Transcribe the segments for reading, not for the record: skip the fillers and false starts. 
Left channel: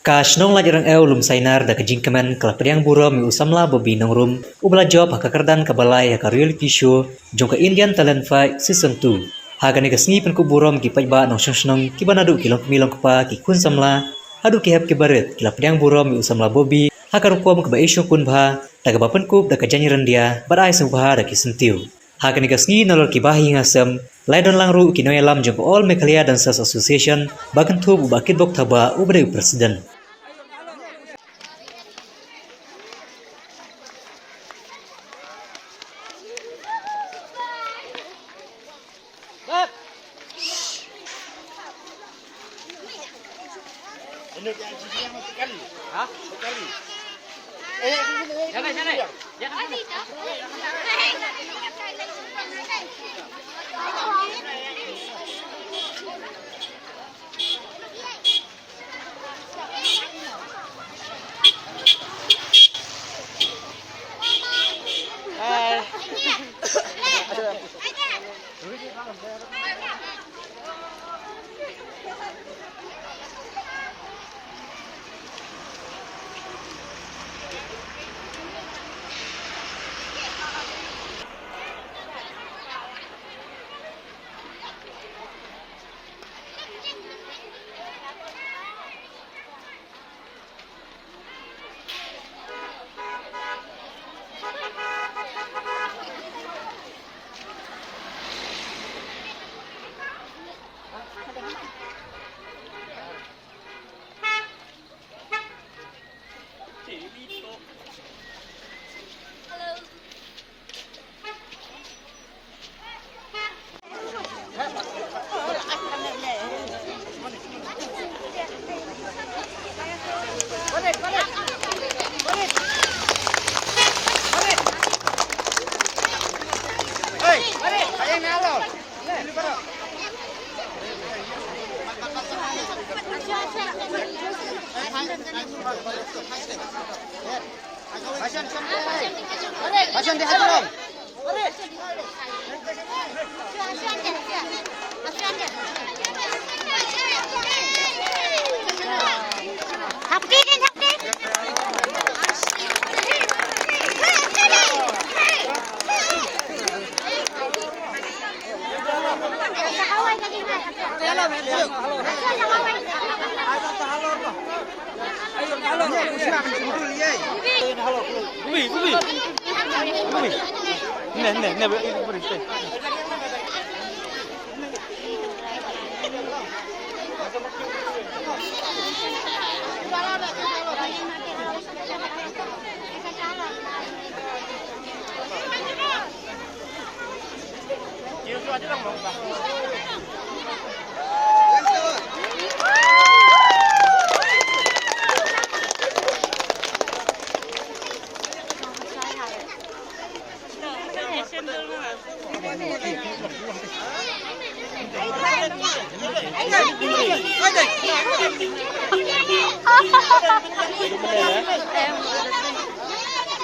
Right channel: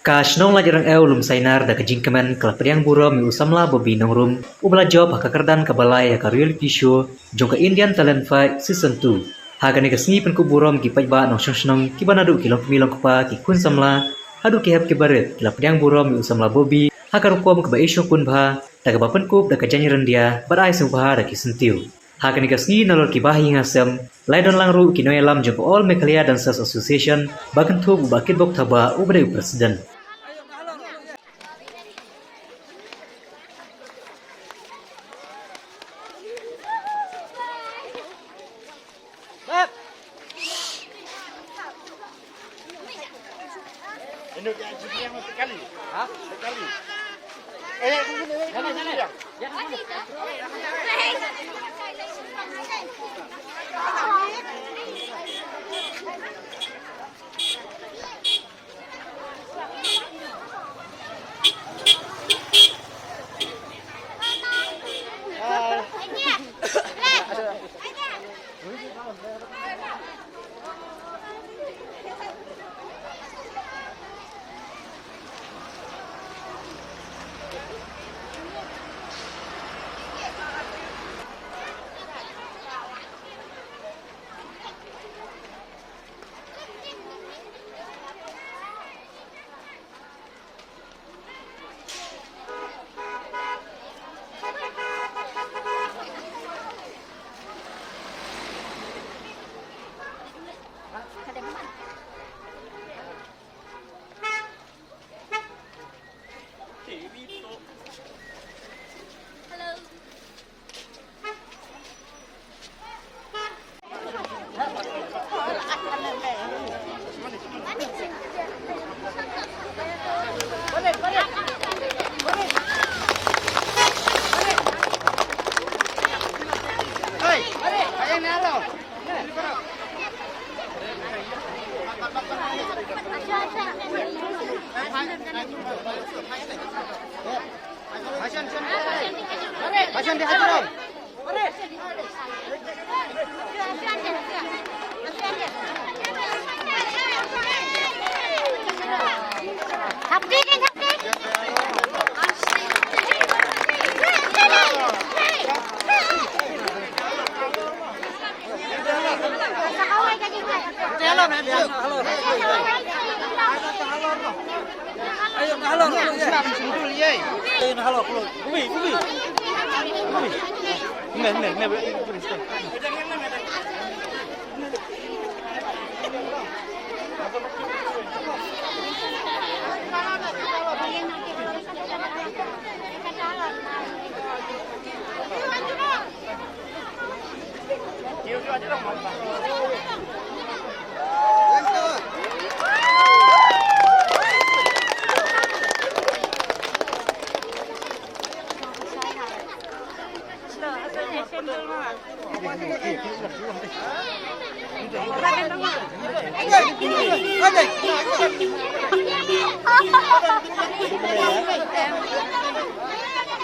Kasnong lajarang lum sainar da kajingkaman kelapariang buro mi usamla bobi nongrum ubla job hakakardan kabalai haka reality show jongka Indian Talent Fight Season 2. Haga nega sngi pen ku burom ki pajba nong shong kibanadu kilong milong kupa ki kun samla hadu ki hab ki baret kelapariang buro mi usamla bobi haka rukom keba isyo kun bha daga bapen kup da kajanyiran dia barai subha da ki sentiu. Haga nega sngi nolor ki bahi ngasem laidon langru ki noyalam jongka All Meghalaya Dancers Association bakan tub ubakit bok thaba ubade presiden. Ini yang sekali. Hah? Sekali. Sana.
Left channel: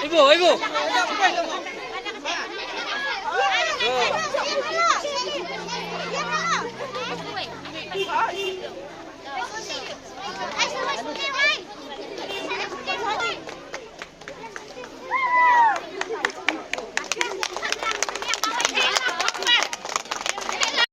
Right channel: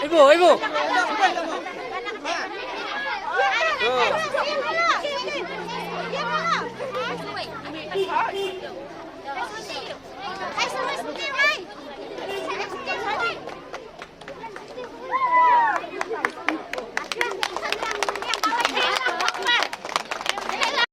Ibu.